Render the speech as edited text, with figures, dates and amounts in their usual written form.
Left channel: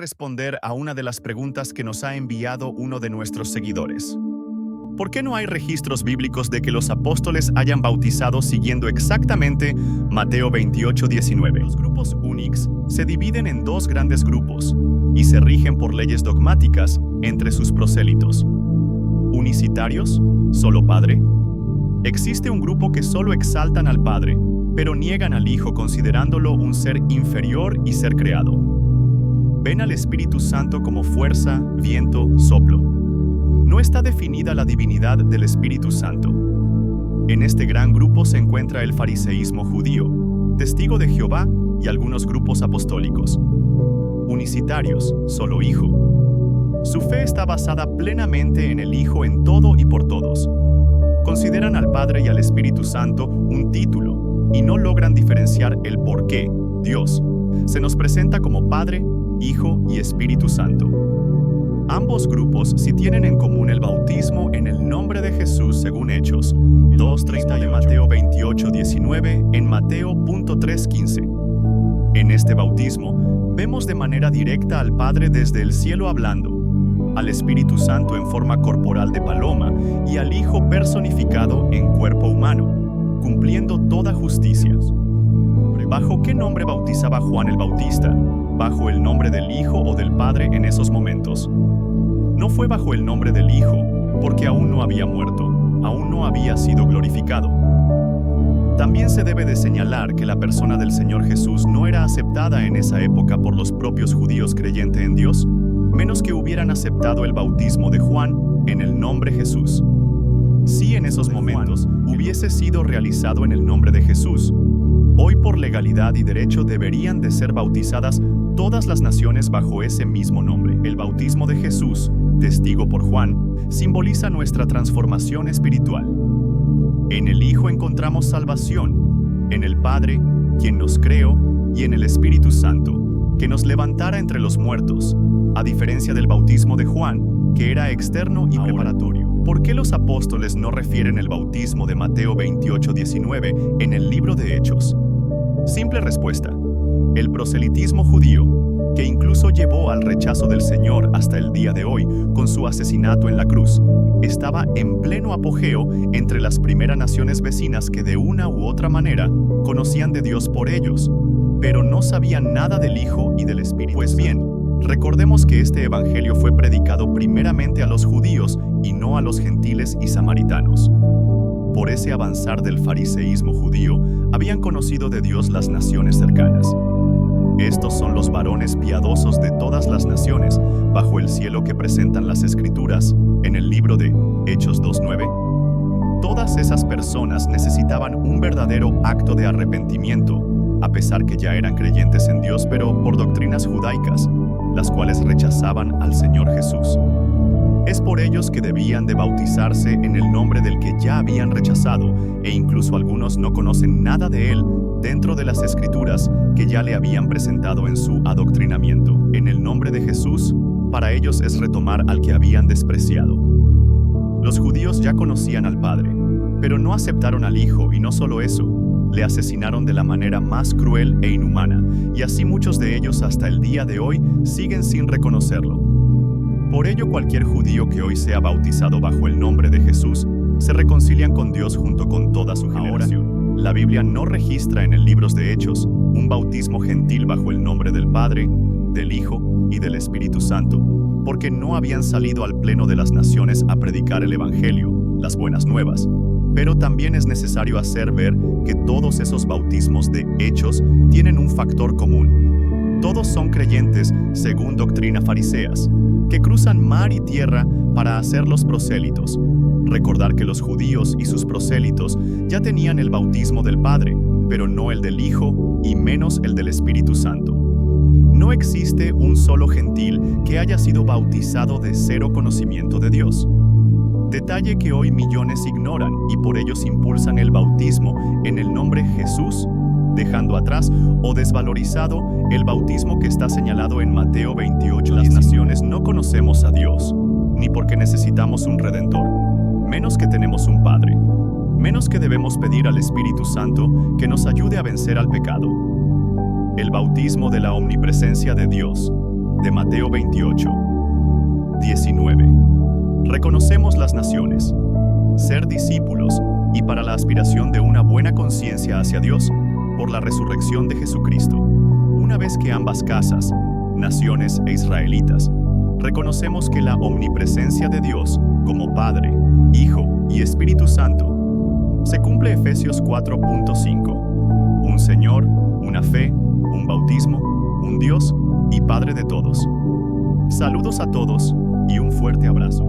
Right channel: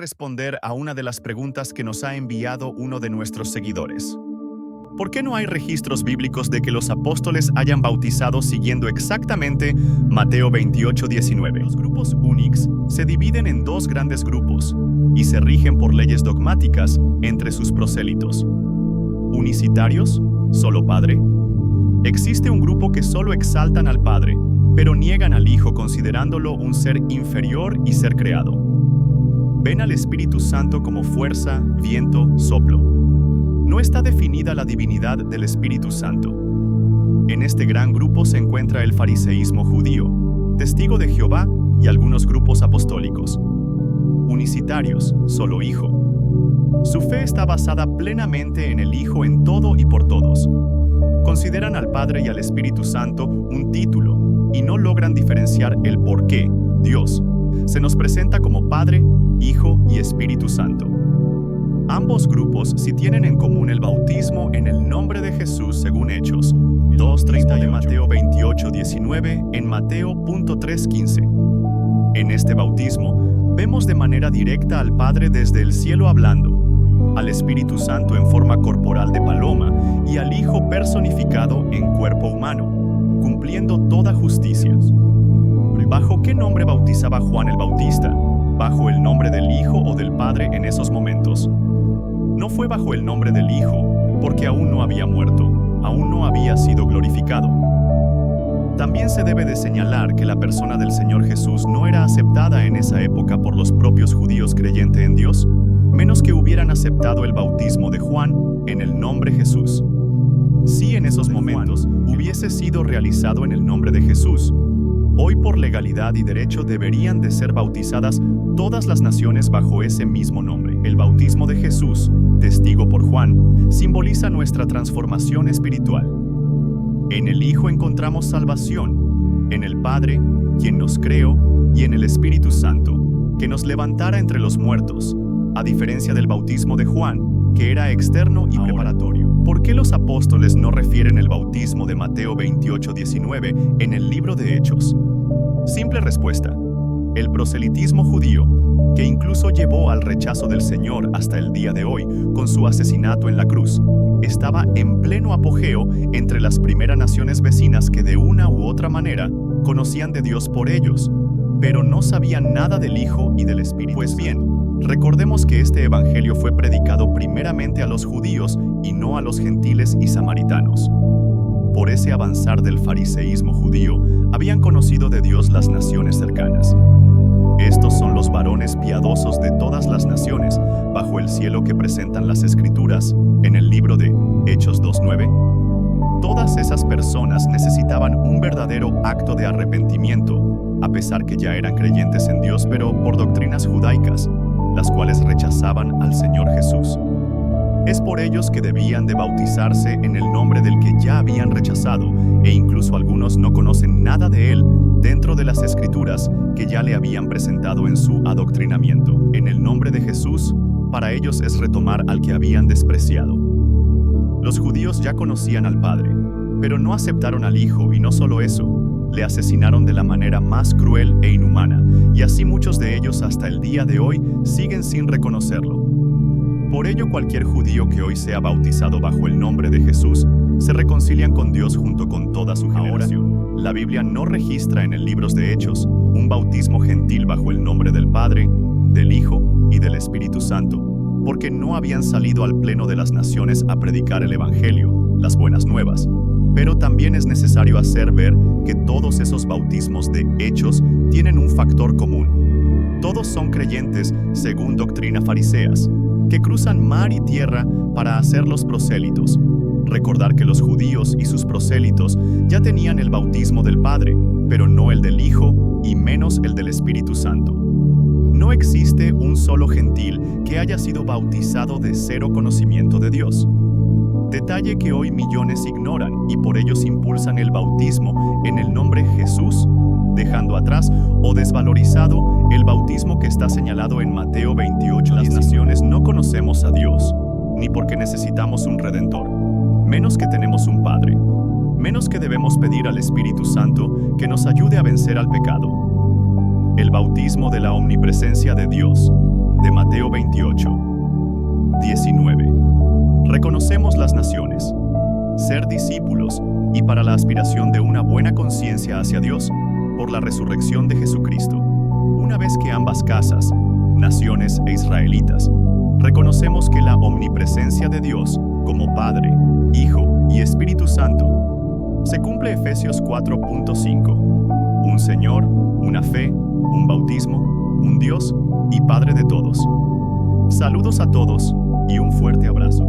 responder a una de las preguntas que nos ha enviado uno de nuestros seguidores. ¿Por qué no hay registros bíblicos de que los apóstoles hayan bautizado siguiendo exactamente Mateo 28:19? Los grupos Unix se dividen en dos grandes grupos y se rigen por leyes dogmáticas entre sus prosélitos. Unicitarios, solo Padre. Existe un grupo que solo exaltan al Padre, pero niegan al Hijo considerándolo un ser inferior y ser creado. Ven al Espíritu Santo como fuerza, viento, soplo. No está definida la divinidad del Espíritu Santo. En este gran grupo se encuentra el fariseísmo judío, Testigo de Jehová y algunos grupos apostólicos. Unicitarios, solo Hijo. Su fe está basada plenamente en el Hijo en todo y por todos. Consideran al Padre y al Espíritu Santo un título y no logran diferenciar el por qué Dios se nos presenta como Padre, Hijo y Espíritu Santo. Ambos grupos sí tienen en común el bautismo en el nombre de Jesús según Hechos 2:30 de Mateo 28:19 en Mateo.3:15. En este bautismo vemos de manera directa al Padre desde el cielo hablando, al Espíritu Santo en forma corporal de paloma y al Hijo personificado en cuerpo humano, cumpliendo toda justicia. ¿Bajo qué nombre bautizaba Juan el Bautista? ¿Bajo el nombre del Hijo o del Padre en esos momentos? No fue bajo el nombre del Hijo, porque aún no había muerto, aún no había sido glorificado. También se debe de señalar que la persona del Señor Jesús no era aceptada en esa época por los propios judíos creyentes en Dios, menos que hubieran aceptado el bautismo de Juan en el nombre Jesús. Si en esos momentos hubiese sido realizado en el nombre de Jesús, hoy por legalidad y derecho deberían de ser bautizadas todas las naciones bajo ese mismo nombre. El bautismo de Jesús, testigo por Juan, simboliza nuestra transformación espiritual. En el Hijo encontramos salvación, en el Padre, quien nos creó, y en el Espíritu Santo, que nos levantara entre los muertos, a diferencia del bautismo de Juan, que era externo y preparatorio. ¿Por qué los apóstoles no refieren el bautismo de Mateo 28:19 en el libro de Hechos? Simple respuesta: el proselitismo judío, que incluso llevó al rechazo del Señor hasta el día de hoy con su asesinato en la cruz, estaba en pleno apogeo entre las primeras naciones vecinas que de una u otra manera conocían de Dios por ellos, pero no sabían nada del Hijo y del Espíritu. Pues bien, recordemos que este evangelio fue predicado primeramente a los judíos y no a los gentiles y samaritanos. Por ese avanzar del fariseísmo judío, habían conocido de Dios las naciones cercanas. Estos son los varones piadosos de todas las naciones bajo el cielo que presentan las Escrituras en el libro de Hechos 2:9. Todas esas personas necesitaban un verdadero acto de arrepentimiento, a pesar que ya eran creyentes en Dios, pero por doctrinas judaicas, las cuales rechazaban al Señor Jesús. Es por ellos que debían de bautizarse en el nombre del que ya habían rechazado, e incluso algunos no conocen nada de él dentro de las Escrituras que ya le habían presentado en su adoctrinamiento. En el nombre de Jesús, para ellos es retomar al que habían despreciado. Los judíos ya conocían al Padre, pero no aceptaron al Hijo, y no solo eso, le asesinaron de la manera más cruel e inhumana, y así muchos de ellos hasta el día de hoy siguen sin reconocerlo. Por ello, cualquier judío que hoy sea bautizado bajo el nombre de Jesús se reconcilian con Dios junto con toda su generación. Ahora, la Biblia no registra en el libro de Hechos un bautismo gentil bajo el nombre del Padre, del Hijo y del Espíritu Santo, porque no habían salido al pleno de las naciones a predicar el Evangelio, las buenas nuevas. Pero también es necesario hacer ver que todos esos bautismos de Hechos tienen un factor común. Todos son creyentes según doctrina fariseas, que cruzan mar y tierra para hacer los prosélitos. Recordar que los judíos y sus prosélitos ya tenían el bautismo del Padre, pero no el del Hijo y menos el del Espíritu Santo. No existe un solo gentil que haya sido bautizado de cero conocimiento de Dios. Detalle que hoy millones ignoran y por ellos impulsan el bautismo en el nombre Jesús, dejando atrás o desvalorizado el bautismo que está señalado en Mateo 28. Las naciones no conocemos a Dios, ni porque necesitamos un Redentor, menos que tenemos un Padre, menos que debemos pedir al Espíritu Santo que nos ayude a vencer al pecado. El bautismo de la omnipresencia de Dios, de Mateo 28, 19. Reconocemos las naciones, ser discípulos y para la aspiración de una buena conciencia hacia Dios por la resurrección de Jesucristo. Una vez que ambas casas, naciones e israelitas, reconocemos que la omnipresencia de Dios como Padre, Hijo y Espíritu Santo, se cumple Efesios 4.5, un Señor, una fe, un bautismo, un Dios y Padre de todos. Saludos a todos y un fuerte abrazo.